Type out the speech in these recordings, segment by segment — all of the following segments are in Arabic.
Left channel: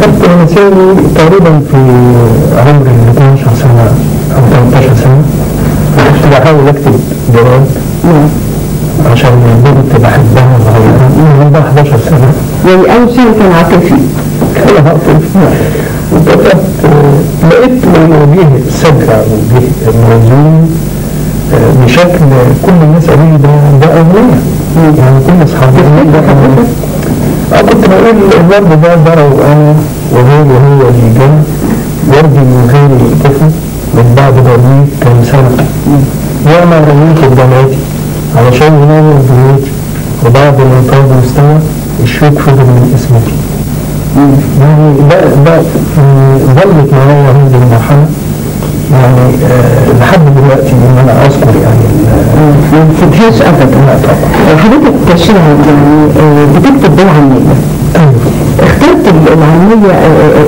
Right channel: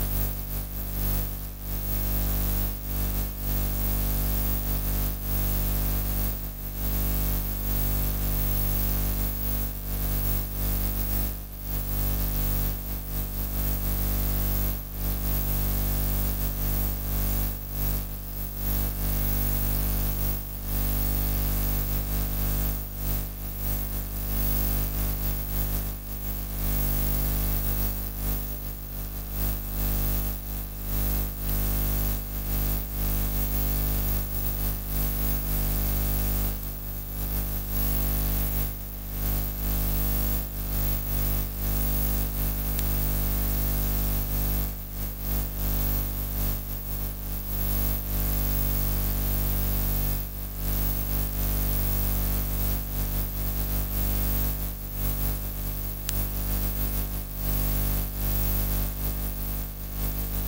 كتبت رومانسية تقريبا في عمر 12 سنة أو 13 سنة. كنت بحاول أكتب جواب عشان البنت بحبها صغيرة من عندها 11 سنة. يعني أول شيء كان عاطفي. كان عاطفي. وكتبت لقيت وجه سجع وجه موزون بشكل كل الناس قالوا لي ده أغنية. يعني كل أصحابي ده أغنية. كنت بقول الورد ده ضرب أنا وغيري وهو اللي جاي وردي من غير الطفل من بعد برميك كم سنة وأنا رميت بدمعتي علشان ينور بيوتي وبعد ما طاب مستوى الشوك فضل من اسمتي. يعني ده ظلت معايا هذه المرحلة يعني لحد دلوقتي ان انا اذكر يعني ما نسيتهاش ابدا. لا طبعا. حضرتك كشاعر يعني بتكتب بالعامية. اخترت العامية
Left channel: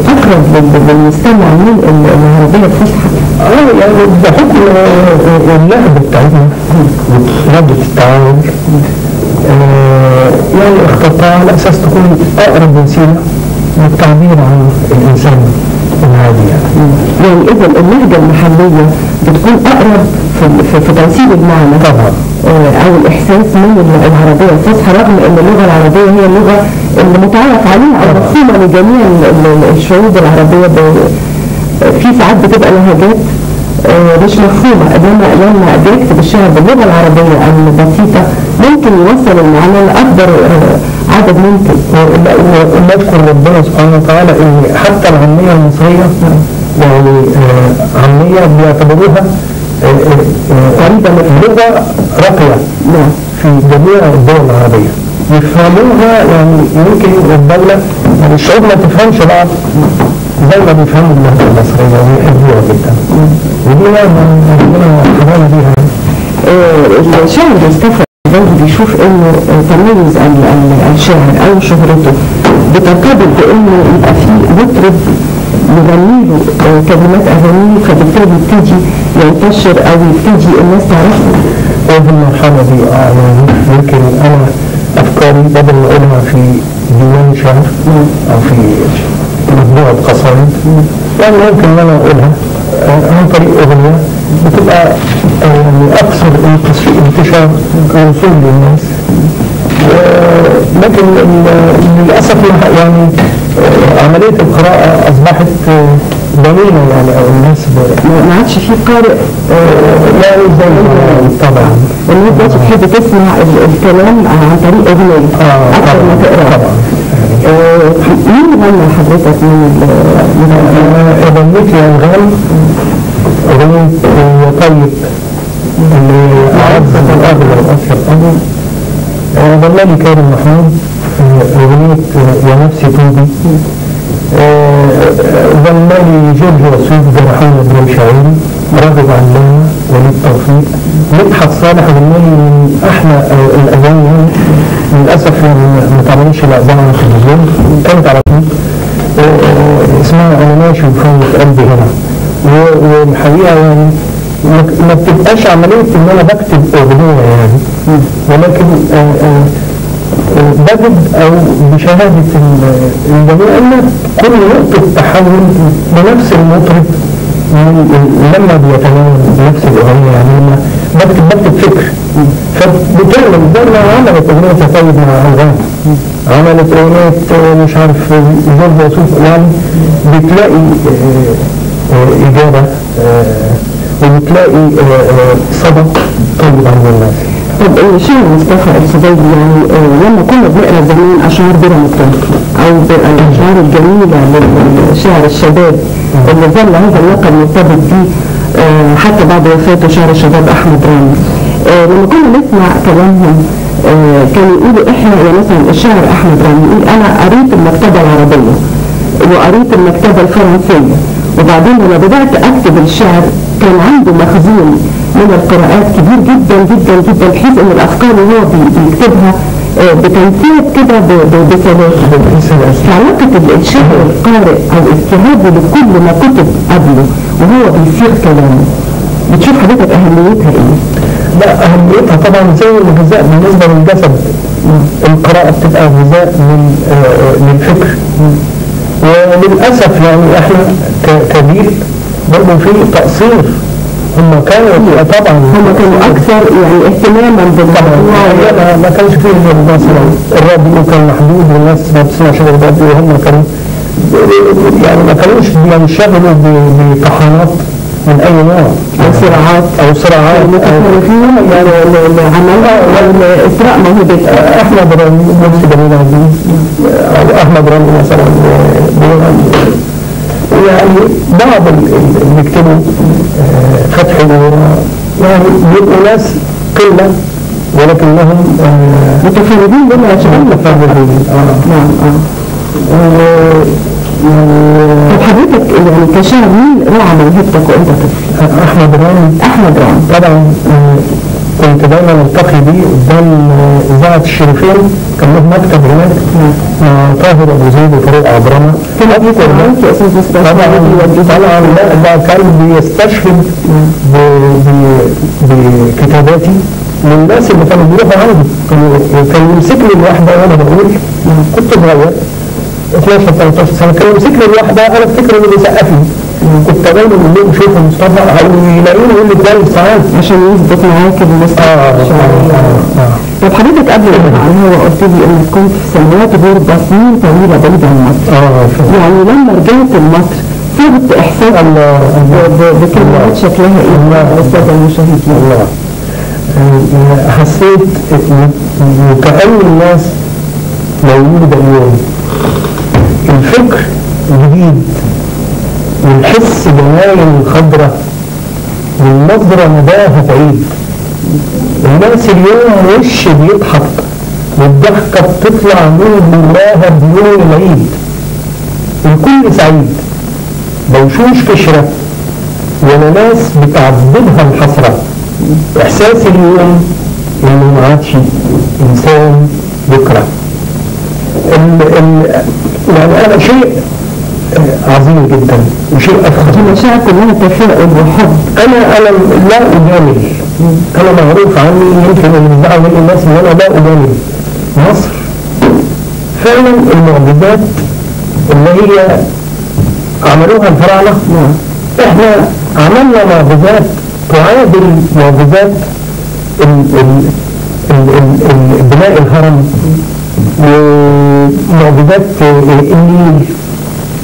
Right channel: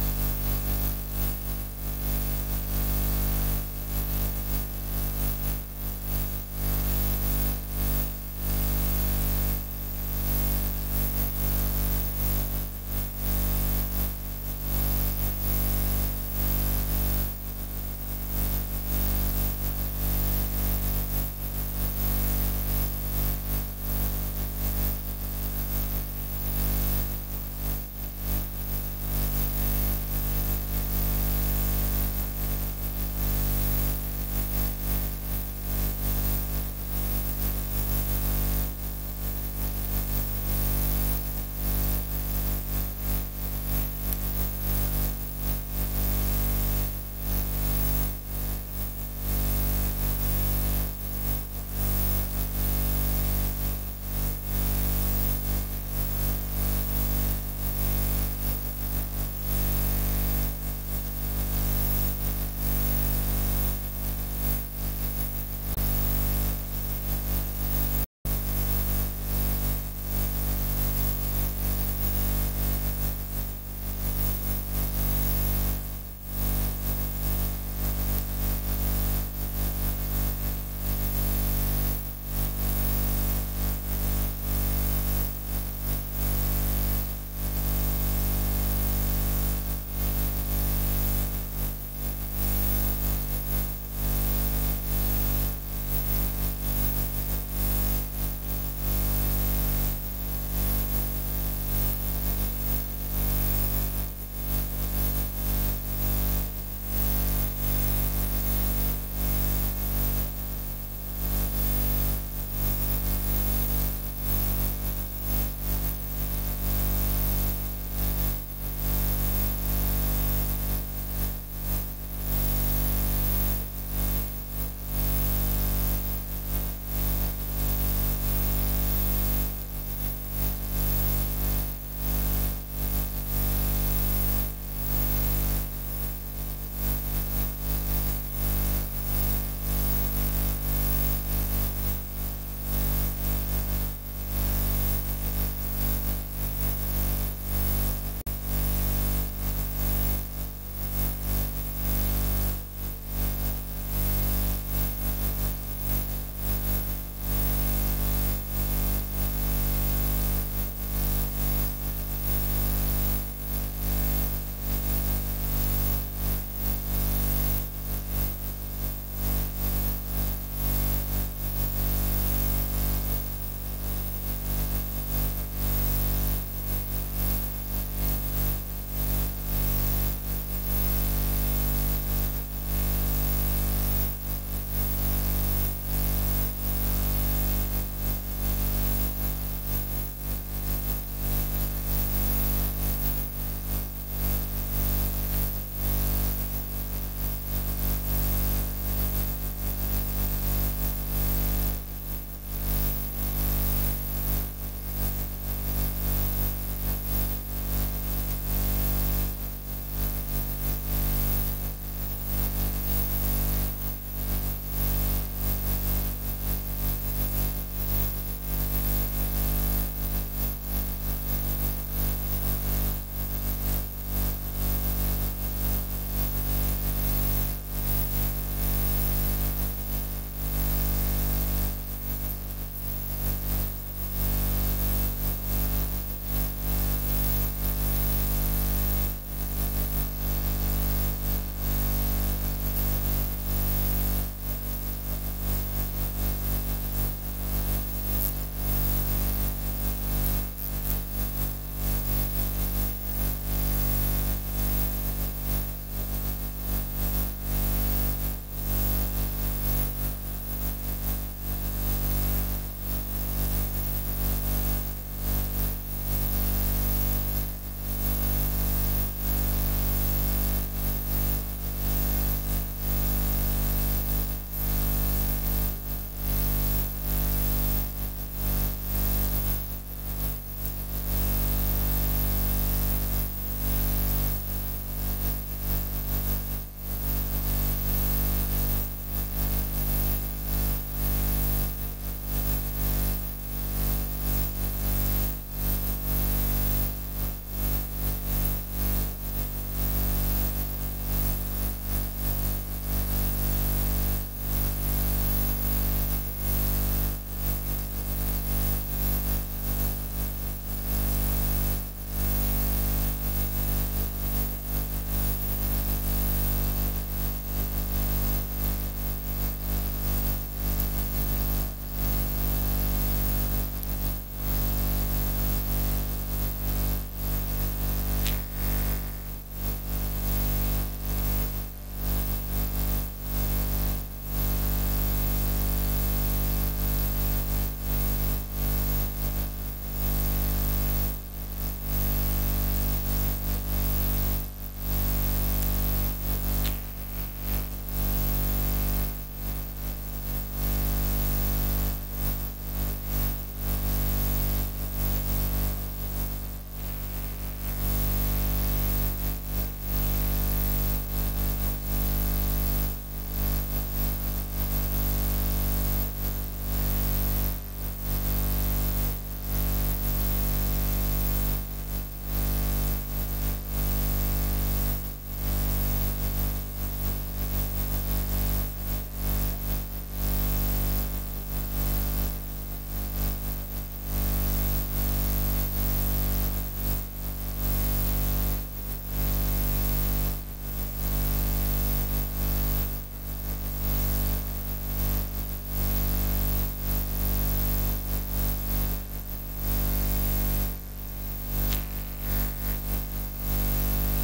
اقرب للمستمع من العربية الفصحى. يعني بحكم اللهجة بتاعتنا ولهجة التعامل يعني اخترتها على اساس تكون اقرب وسيلة للتعبير عن الانسان العادي يعني اذا اللهجة المحلية بتكون اقرب في توصيل المعنى طبعا او الاحساس من العربية الفصحى، رغم ان اللغة العربية هي اللغة اللي متعارف عليها او مفهومة لجميع الشعوب العربية. في ساعات بتبقى لهجات مش مفهومة، لما بيكتب الشعر باللغة العربية البسيطة ممكن يوصل المعنى لأكبر عدد ممكن. ونذكر ربنا سبحانه وتعالى ان حتى العامية المصرية يعني عامية بيعتبروها قريبة من اللغة راقية في جميع الدول العربية يفهموها. يعني يمكن الدولة يعني الشعوب ما تفهمش بعض زي ما بيفهموا اللهجة المصرية ويحبوها جدا ودي ربنا حرام بيها. الشاعر مصطفى برضه بيشوف انه تميز الشاعر او شهرته بترتبط بانه يبقى فيه مطرب يغني له كلمات اغانيه فبالتالي يبتدي ينتشر او يبتدي الناس تعرفه. وفي المرحلة دي يعني يمكن انا افكاري بدل ما اقولها في ديوان شعر او في مجموعة قصائد يعني ممكن ان انا اقولها عن طريق اغنية بتبقى يعني اكثر انتشار ووصول للناس. لكن للاسف يعني عملية القراءة اصبحت ضمينة يعني او الناس ما عادش في قارئ يعني زي طبعا الناس دلوقتي بتحب تسمع الكلام عن طريق اغنية اكثر ما تقرا. طبعا. مين غنى حضرتك من غنيت يا أنغام أغنية يا طيب اللي أعزز الأغلى وأكثر الأغلى. غنى لي كريم محمود أغنية يا نفسي توبي. غنى لي جورج وسوف جرحونا بن شاعري راغب علامة وليد توفيق. مدحت صالح غنى لي من أحلى الأغاني للأسف ما تعملش الأذان على التلفزيون كانت على طول اسمها أنا ماشي وفوت قلبي هنا. والحقيقة يعني ما بتبقاش عملية إن أنا بكتب أغنية يعني ولكن بجد أو بشهادة الجميع أن كل نقطة تحول لنفس المطرب لما بيتناول نفس الأغنية يعني لما بكتب فكر فبتعمل زي ما عملت أغنية طيب مع أنغام عملت أغنية مش عارف جورج وسوف يعني بتلاقي إجابة وبتلاقي صدى طيب عند الناس. طب الشاعر مصطفى الصبيدي يعني لما كنا بنقرا زمان اشعار بيرا مكتوب او الاشعار الجميله للشاعر الشباب اللي ظل هذا اللقب مرتبط بيه حتى بعد وفاته شاعر الشباب احمد رامي، لما كنا نسمع كلامهم كانوا يقولوا احنا يعني مثلا الشاعر احمد رامي يقول انا قريت المكتبه العربيه وقريت المكتبه الفرنسيه وبعدين لما بدات اكتب الشعر كان عنده مخزون من القراءات كبير جدا جدا جدا بحيث ان الافكار اللي هو بيكتبها بتنفيذ كده بسلاسه. فعلاقه الشاعر القارئ او استيعابه لكل ما كتب قبله وهو بيصيغ كلامه بتشوف حضرتك اهميتها ايه؟ لا اهميتها طبعا زي الغذاء بالنسبه للجسد. القراءه بتبقى غذاء للفكر وللأسف يعني احنا كجيل برضه في تقصير. هم كانوا طبعا هم كانوا اكثر يعني اهتماما بالموضوع. ما كانش فيه مثلا الراديو كان محدود والناس ما بتسمعش الراديو، وهم كانوا يعني ما كانوش بينشغلوا بطحنات من اي نوع او صراعات المتخلفين يعني عملها اسراء موهبه احمد رامي نفس جميل عزيز او احمد رامي مثلا يعني بعض اللي بيكتبوا فتحي يعني بيبقوا ناس قله ولكنهم متفردين بما يشاء. متفردين نعم. طب حضرتك يعني كشاعر مين راعى موهبتك وانت طفل؟ احمد رامي طبعا. كنت دايما التقي بيه قدام اذاعه الشريفين، كان له مكتب هناك مع طاهر ابو زيد وفاروق عبرمه. كان بيسمع معاك يا استاذ مصطفى؟ طبعا ده كان بيستشهد بكتاباتي للناس اللي كانوا بيروحوا عندي. كان يمسكني الواحده وانا بقول، كنت صغير 12 13 سنه، كان يمسكني الواحده انا افتكر انه بيسقف لي. كنت دايما اقول لهم شوفوا مصطفى، او يلاقوني يقول لي كويس ساعات عشان يثبت معاك المصطفى. طب حضرتك قبل عن هو قلت لي انك كنت في سنوات غربه سنين طويله بعيد عن مصر. يعني لما رجعت لمصر صرت احساس بكلمات شكلها ايه للساده المشاهدين؟ الله حسيت وكأن الناس موجوده اليوم، الفكر جديد والحس جمايل خضرة والنظرة نباهة بعيد. الناس اليوم وش بيضحك والضحكة بتطلع من جواها بيوم العيد، الكل سعيد، بوشوش كشرة ولا ناس بتعذبها الحسرة. إحساس اليوم إنه ما عادش إنسان بكرة. يعني أنا شيء عظيم جدا وشيء أفخر. المشاعر كلها تفاؤل وحب. أنا لا أجامل، أنا معروف عني يمكن اللي بيزعل مني الناس إن أنا لا أجامل. مصر فعلا المعجزات اللي هي عملوها الفراعنة، إحنا عملنا معجزات تعادل معجزات بناء الهرم ومعجزات النيل.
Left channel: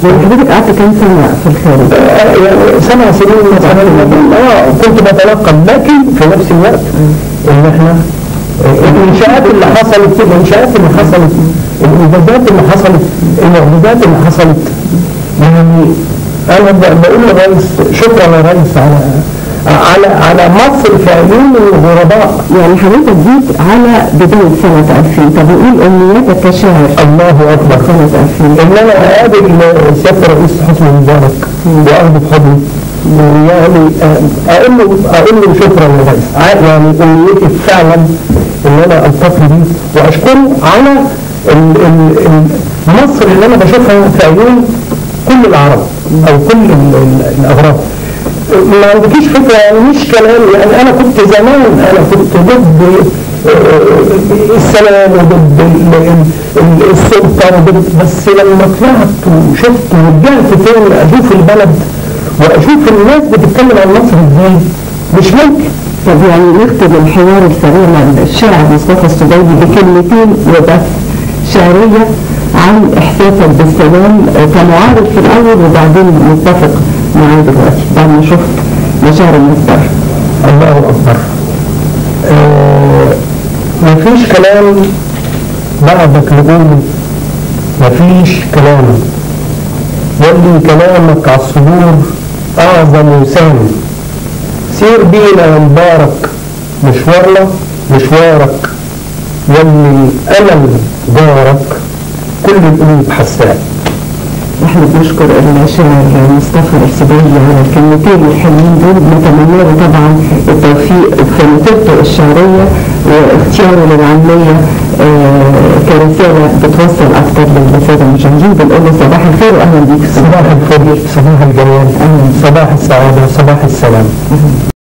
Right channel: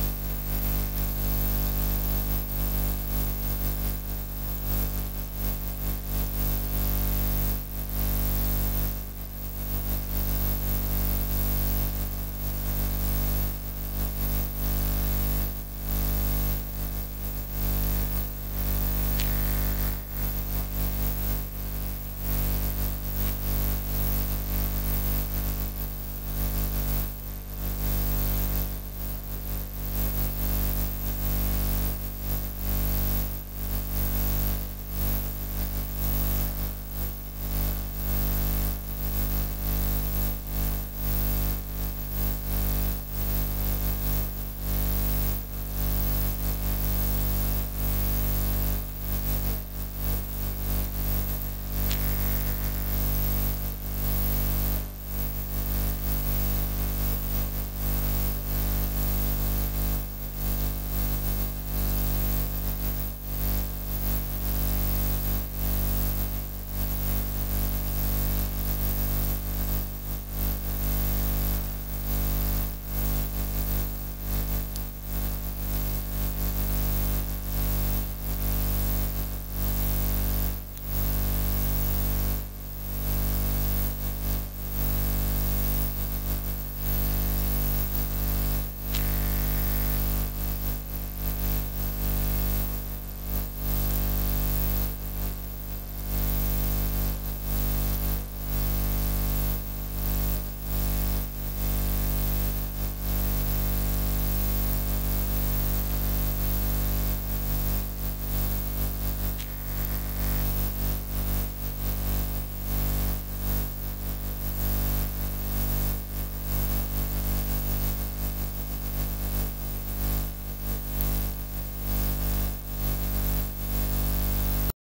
وحضرتك قعدت كام سنة في الخارج؟ يعني 7 سنين مثلا. كنت بتلقى، لكن في نفس الوقت ان احنا الانشاءات اللي حصلت، الانجازات اللي حصلت، المعجزات اللي حصلت، يعني انا بقول للرئيس شكرا يا ريس على مصر في عيون الغرباء. يعني حضرتك جيت على بداية سنة 2000، طب نقول أمنياتك كشاعر. الله أكبر. سنة 2000 إن أنا أقابل سيادة الرئيس حسني مبارك وأخذه بحضني، يعني أقول له شكرا يا ريس. يعني أمنيتي فعلا إن أنا ألتقي بيه وأشكره على مصر اللي أنا بشوفها في عيون كل العرب أو كل الأغراب. ما عندكيش فكرة، يعني مش كلام. يعني أنا كنت زمان كنت ضد السلام وضد السلطة بس لما طلعت وشفت ورجعت تاني أشوف البلد وأشوف الناس بتتكلم عن مصر إزاي، مش ممكن. طب يعني نختم الحوار السريع مع الشاعر مصطفى السبيدي بكلمتين وبس شعرية عن إحساسك بالسلام كمعارض في الأول وبعدين متفق معاه دلوقتي بعد ما شفت مشاعر الناس بره. الله أكبر. مفيش كلام بعدك نقوله، مفيش كلام، يلي كلامك على الصدور أعظم وسام. سير بينا يا مبارك مشوارك، يلي الأمل جارك، كل القلوب حساء. احنا بنشكر الشاعر مصطفى السبيدي على الكلمتين الحلوين دول، بنتمنى له طبعا التوفيق في مسيرته الشعريه واختياره للعمليه كرساله بتوصل اكثر للساده المشاهدين. بنقول له صباح الخير واهلا بيك. صباح الخير، صباح الجمال، صباح السعاده، صباح السلام.